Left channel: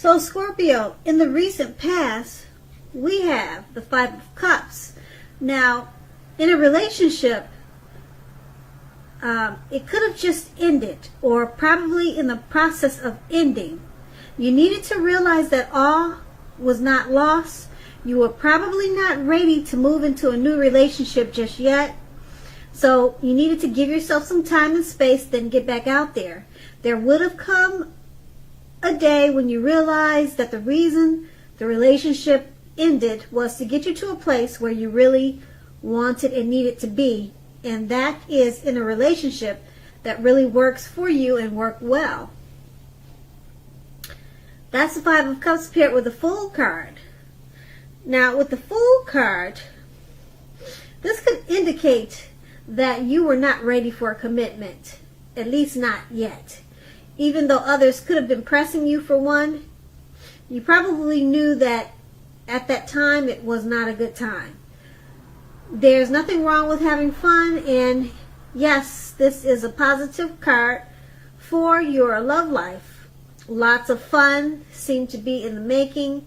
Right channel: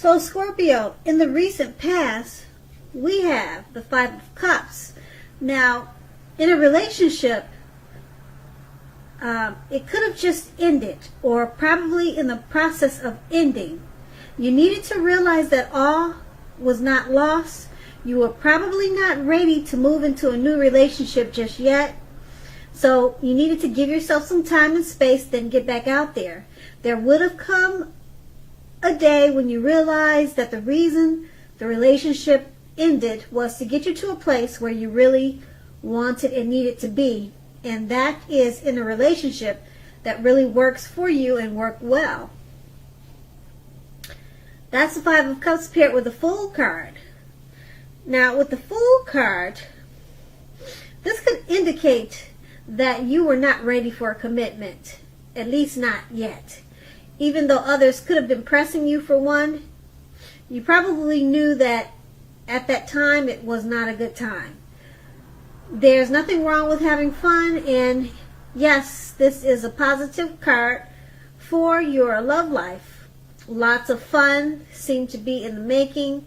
So Scorpio, in the recent past, we have the Five of Cups. Now, in a relationship, it could have just ended, or probably in the process of ending. You needed to realize that all was not lost. You were probably not ready to move into a new relationship just yet. So you needed to give yourself some time and space, then get back out there. There would have come a day when you realized that the reason the relationship ended was to get you to a place where you really wanted and needed to be. And that is in a relationship that really works for you and work well. That's the Five of Cups paired with the Fool card. Now, with the Fool card, this could indicate that you were not ready for a commitment. At least not yet. Even though others could have been pressing you for one, you probably knew that at that time it was not a good time. There's nothing wrong with having fun, and yes, this is a positive card for your love life. Lots of fun seem to be in the making,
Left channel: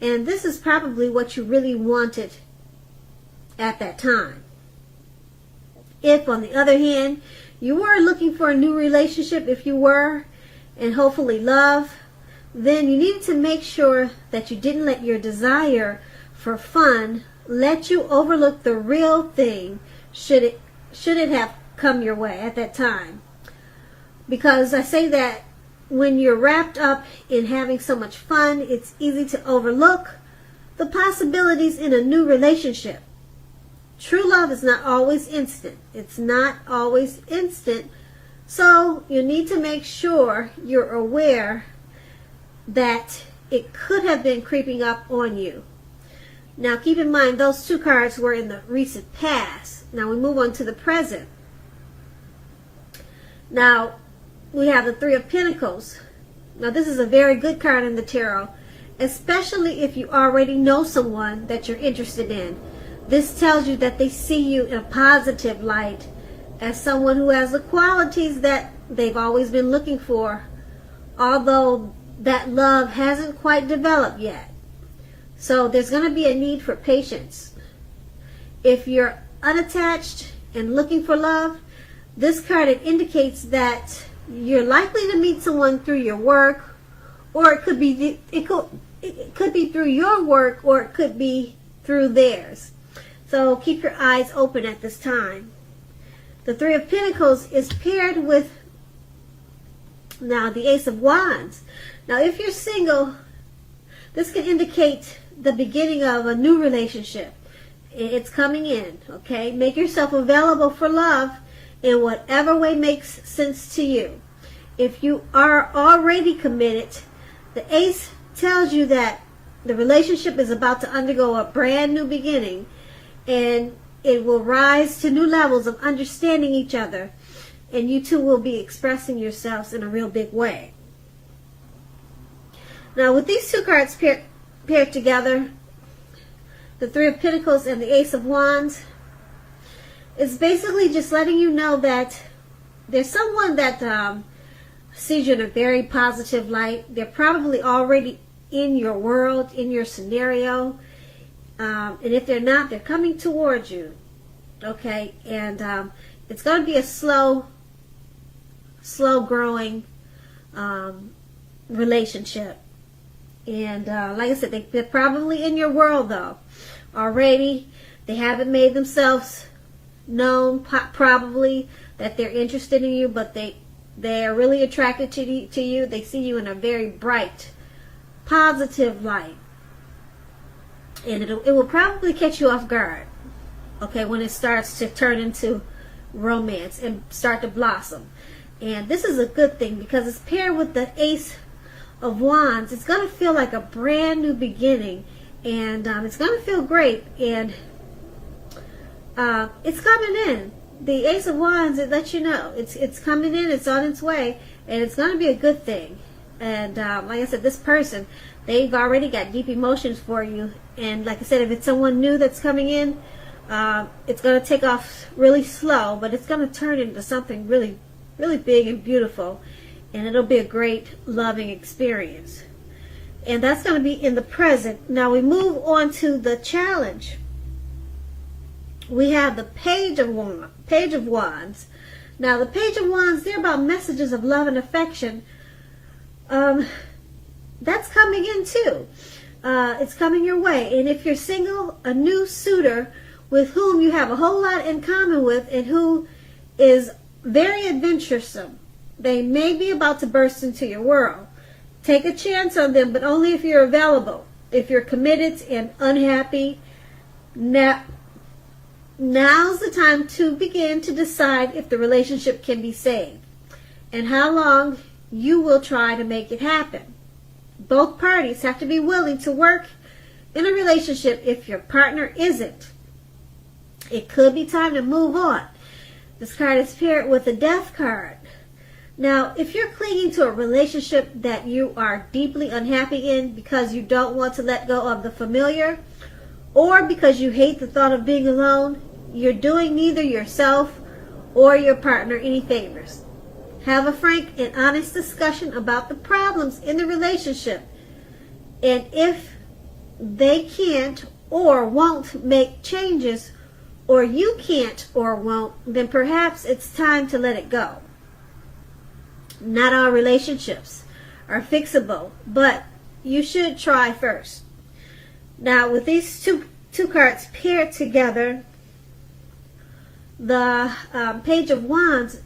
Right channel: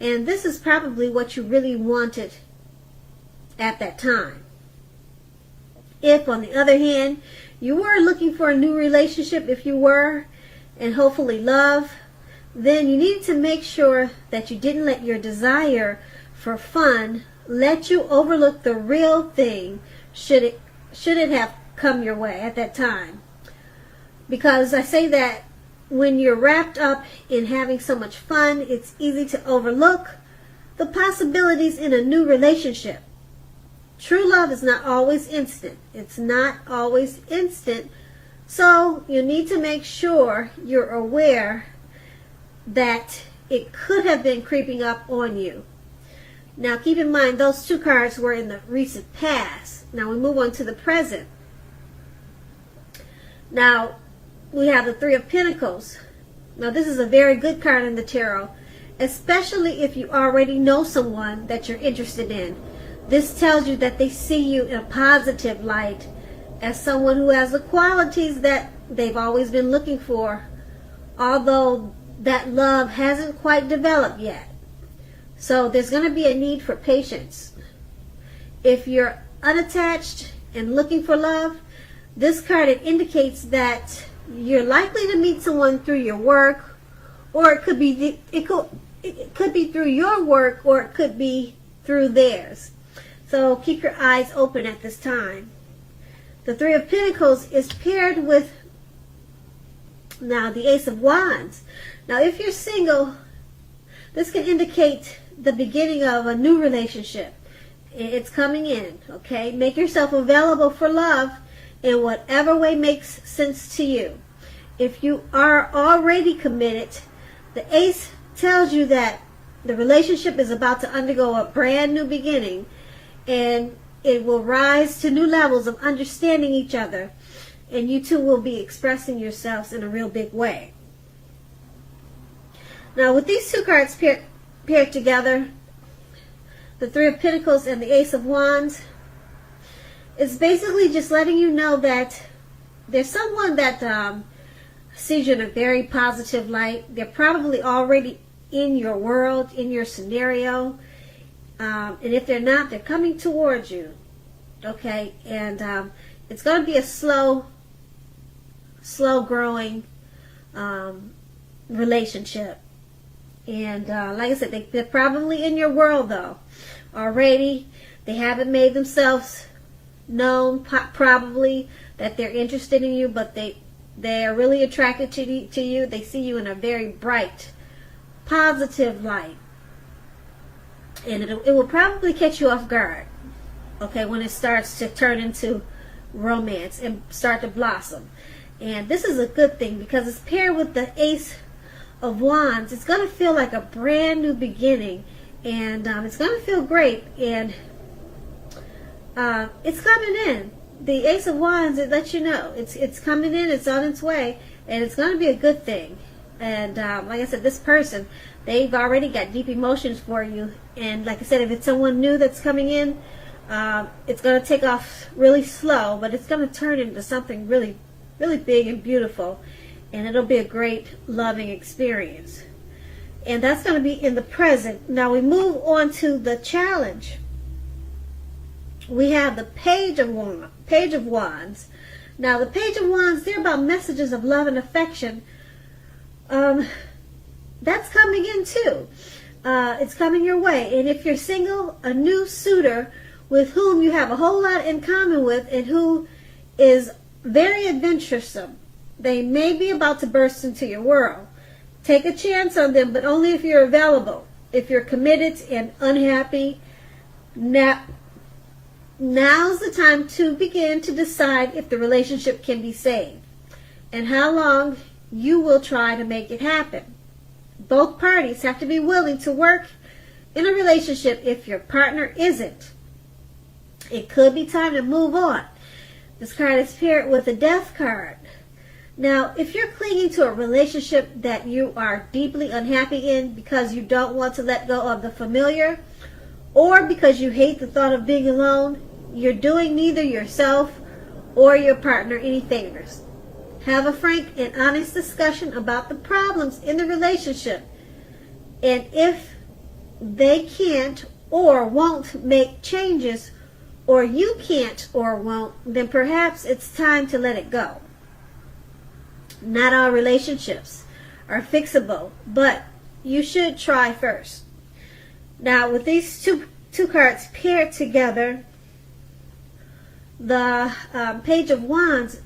and this is probably what you really wanted at that time. If, on the other hand, you were looking for a new relationship, if you were, and hopefully love, then you need to make sure that you didn't let your desire for fun let you overlook the real thing should it have come your way at that time. Because I say that when you're wrapped up in having so much fun, it's easy to overlook the possibilities in a new relationship. True love is not always instant. It's not always instant. So you need to make sure you're aware that it could have been creeping up on you. Now keep in mind, those two cards were in the recent past. Now we move on to the present. Now we have the Three of Pentacles. Now this is a very good card in the tarot, especially if you already know someone that you're interested in. This tells you that they see you in a positive light as someone who has the qualities that they've always been looking for, although that love hasn't quite developed yet. So there's going to be a need for patience. If you're unattached and looking for love, this card indicates that you're likely to meet someone through your work, or it could be through your work, or it could be through theirs. So keep your eyes open at this time. The Three of Pentacles is paired with now the Ace of Wands. Now if you're single, this can indicate the beginning of a new relationship. It's coming in, okay? Make yourself available for love in whatever way makes sense to you. If you are already committed, the Ace tells you that the relationship is about to undergo a brand new beginning, and it will rise to new levels of understanding each other, and you two will be expressing yourselves in a real big way. Now with these two cards paired together, the Three of Pentacles and the Ace of Wands, it's basically just letting you know that there's someone that sees you in a very positive light. They're probably already in your world, in your scenario. And if they're not, they're coming towards you. Okay? And it's going to be a slow growing relationship. And like I said, they're probably in your world though already. They haven't made themselves known probably that they're interested in you, but they are really attracted to you. They see you in a very bright, positive light. And it will probably catch you off guard, okay, when it starts to turn into romance and start to blossom. And this is a good thing because it's paired with the Ace of Wands. It's going to feel like a brand new beginning, and it's going to feel great. And it's coming in. The Ace of Wands, it lets you know it's coming in. It's on its way, and it's going to be a good thing. And like I said, this person, they've already got deep emotions for you. And like I said, if it's someone new that's coming in, it's going to take off really slow, but it's going to turn into something really, really big and beautiful. And it'll be a great, loving experience. And that's going to be in the present. Now we move on to the challenge. We have the Page of Wands. Now the Page of Wands, they're about messages of love and affection. That's coming in too. It's coming your way. And if you're single, a new suitor with whom you have a whole lot in common with and who is very adventuresome, they may be about to burst into your world. Take a chance on them, but only if you're available. If you're committed and unhappy, now's the time to begin to decide if the relationship can be saved and how long you will try to make it happen. Both parties have to be willing to work in a relationship if your partner isn't. It could be time to move on. This card is paired with a Death card. Now, if you're clinging to a relationship that you are deeply unhappy in because you don't want to let go of the familiar, or because you hate the thought of being alone, you're doing neither yourself or your partner any favors. Have a frank and honest discussion about the problems in the relationship. And if they can't or won't make changes, or you can't or won't, then perhaps it's time to let it go. Not all relationships are fixable, but you should try first. Now, with these two cards paired together, the Page of Wands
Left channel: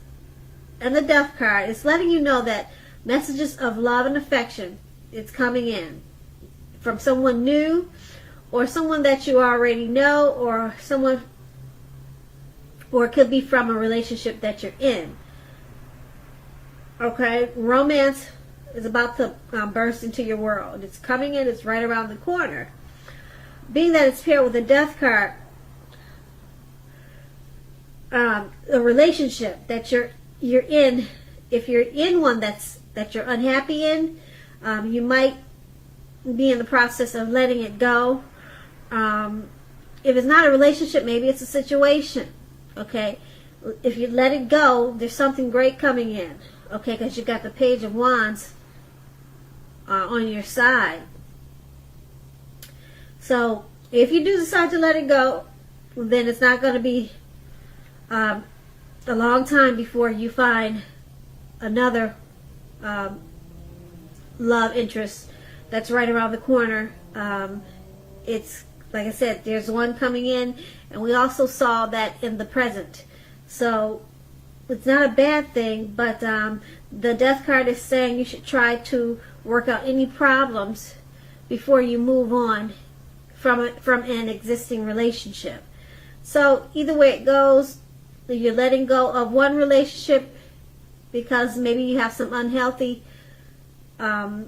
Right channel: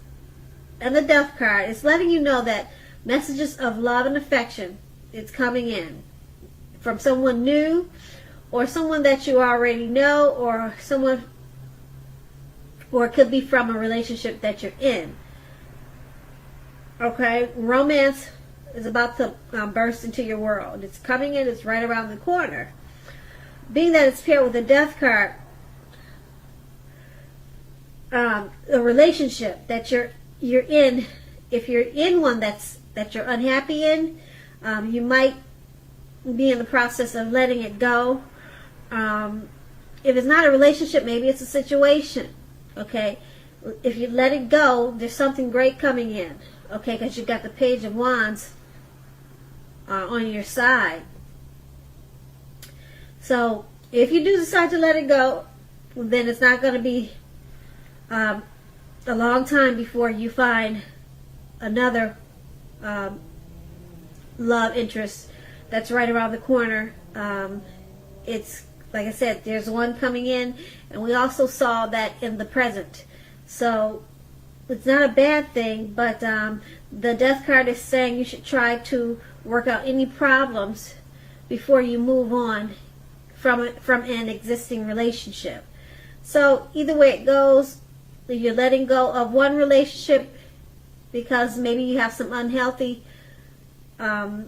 and the Death card, it's letting you know that messages of love and affection, it's coming in from someone new or someone that you already know, or it could be from a relationship that you're in. Okay, romance is about to burst into your world. It's coming in. It's right around the corner. Being that it's paired with a Death card, a relationship that you're in, if you're in one that you're unhappy in, you might be in the process of letting it go. If it's not a relationship, maybe it's a situation. Okay, if you let it go, there's something great coming in. Okay, because you've got the Page of Wands on your side. So if you do decide to let it go, then it's not going to be a long time before you find another love interest that's right around the corner. It's, like I said, there's one coming in, and we also saw that in the present. So it's not a bad thing, but the Death card is saying you should try to work out any problems before you move on from an existing relationship. So either way it goes, you're letting go of one relationship because maybe you have some unhealthy, maybe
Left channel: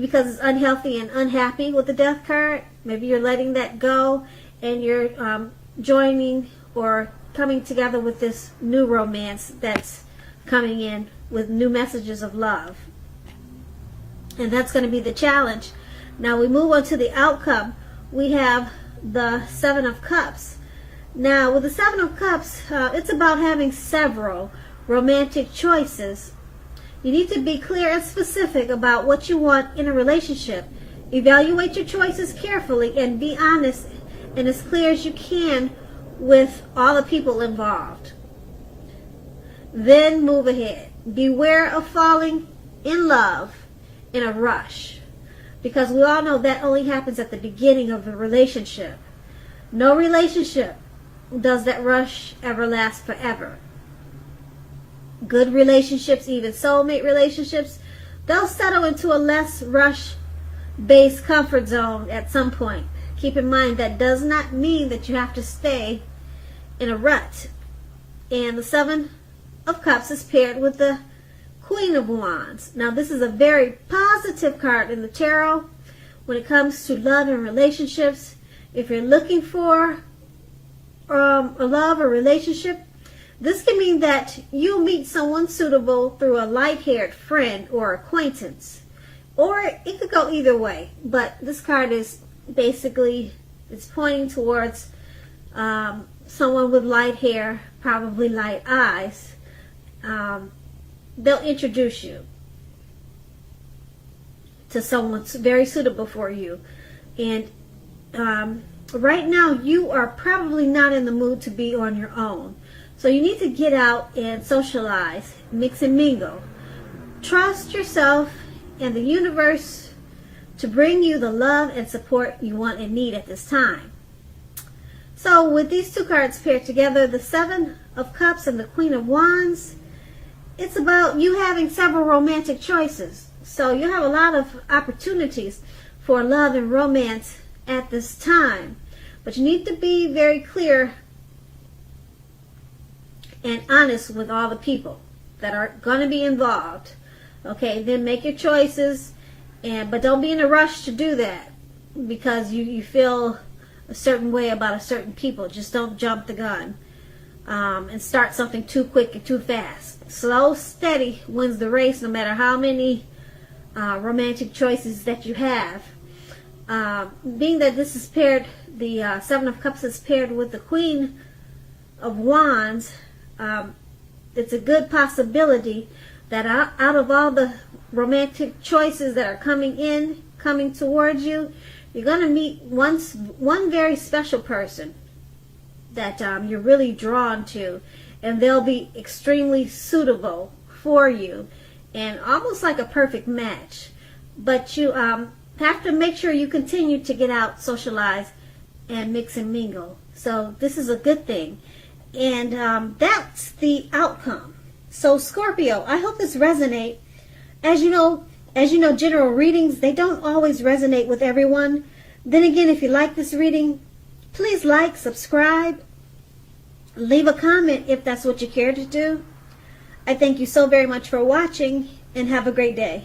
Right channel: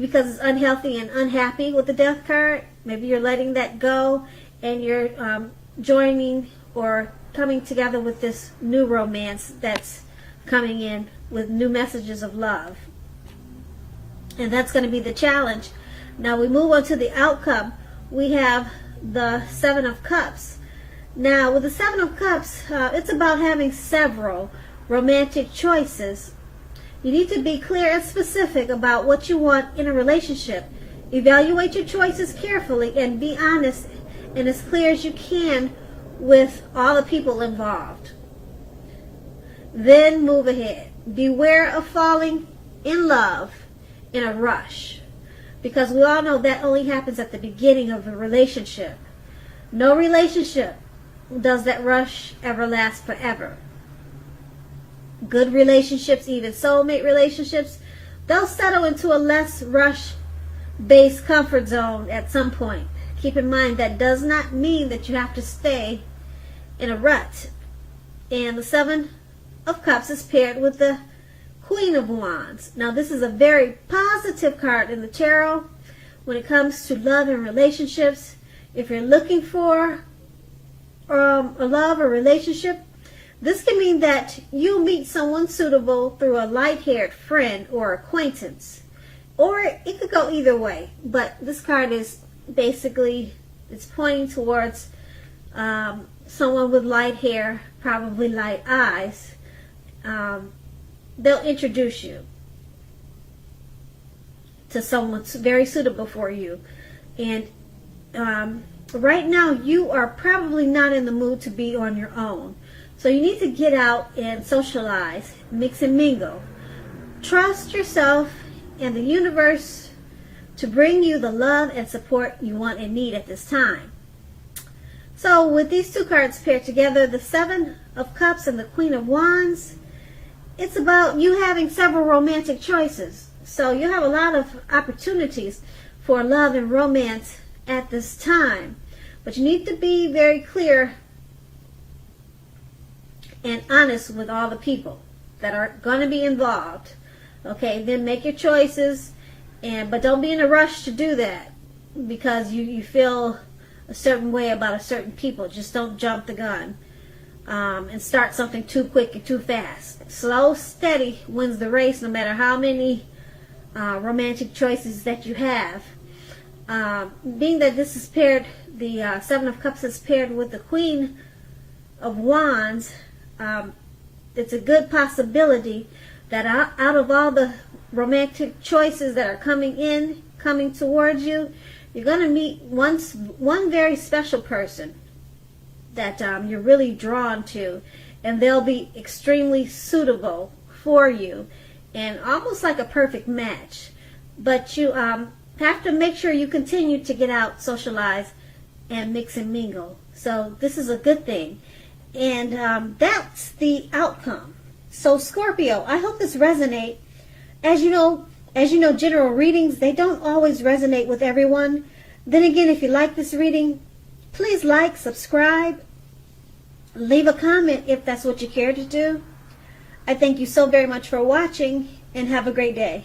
because it's unhealthy and unhappy with the Death card. Maybe you're letting that go and you're joining or coming together with this new romance that's coming in with new messages of love. And that's going to be the challenge. Now we move on to the outcome. We have the Seven of Cups. Now with the Seven of Cups, it's about having several romantic choices. You need to be clear and specific about what you want in a relationship. Evaluate your choices carefully and be honest and as clear as you can with all the people involved. Then move ahead. Beware of falling in love in a rush, because we all know that only happens at the beginning of the relationship. No relationship does that rush ever last forever. Good relationships, even soulmate relationships, they'll settle into a less rush-based comfort zone at some point. Keep in mind that does not mean that you have to stay in a rut. And the Seven of Cups is paired with the Queen of Wands. Now this is a very positive card in the tarot when it comes to love and relationships. If you're looking for a love or relationship, this can mean that you'll meet someone suitable through a light-haired friend or acquaintance. Or it could go either way. But this card is basically, it's pointing towards someone with light hair, probably light eyes. They'll introduce you to someone that's very suitable for you. And right now, you are probably not in the mood to be on your own. So you need to get out and socialize, mix and mingle. Trust yourself and the universe to bring you the love and support you want and need at this time. So with these two cards paired together, the Seven of Cups and the Queen of Wands, it's about you having several romantic choices. So you have a lot of opportunities for love and romance at this time. But you need to be very clear and honest with all the people that are going to be involved. Okay, then make your choices, but don't be in a rush to do that because you feel a certain way about a certain people. Just don't jump the gun and start something too quick and too fast. Slow, steady wins the race, no matter how many romantic choices that you have. Being that this is paired, the Seven of Cups is paired with the Queen of Wands, it's a good possibility that out of all the romantic choices that are coming towards you, you're going to meet one very special person that you're really drawn to, and they'll be extremely suitable for you and almost like a perfect match. But you have to make sure you continue to get out, socialize, and mix and mingle. So this is a good thing. And that's the outcome. So Scorpio, I hope this resonates. As you know, general readings, they don't always resonate with everyone. Then again, if you like this reading, please like, subscribe, leave a comment if that's what you care to do. I thank you so very much for watching, and have a great day.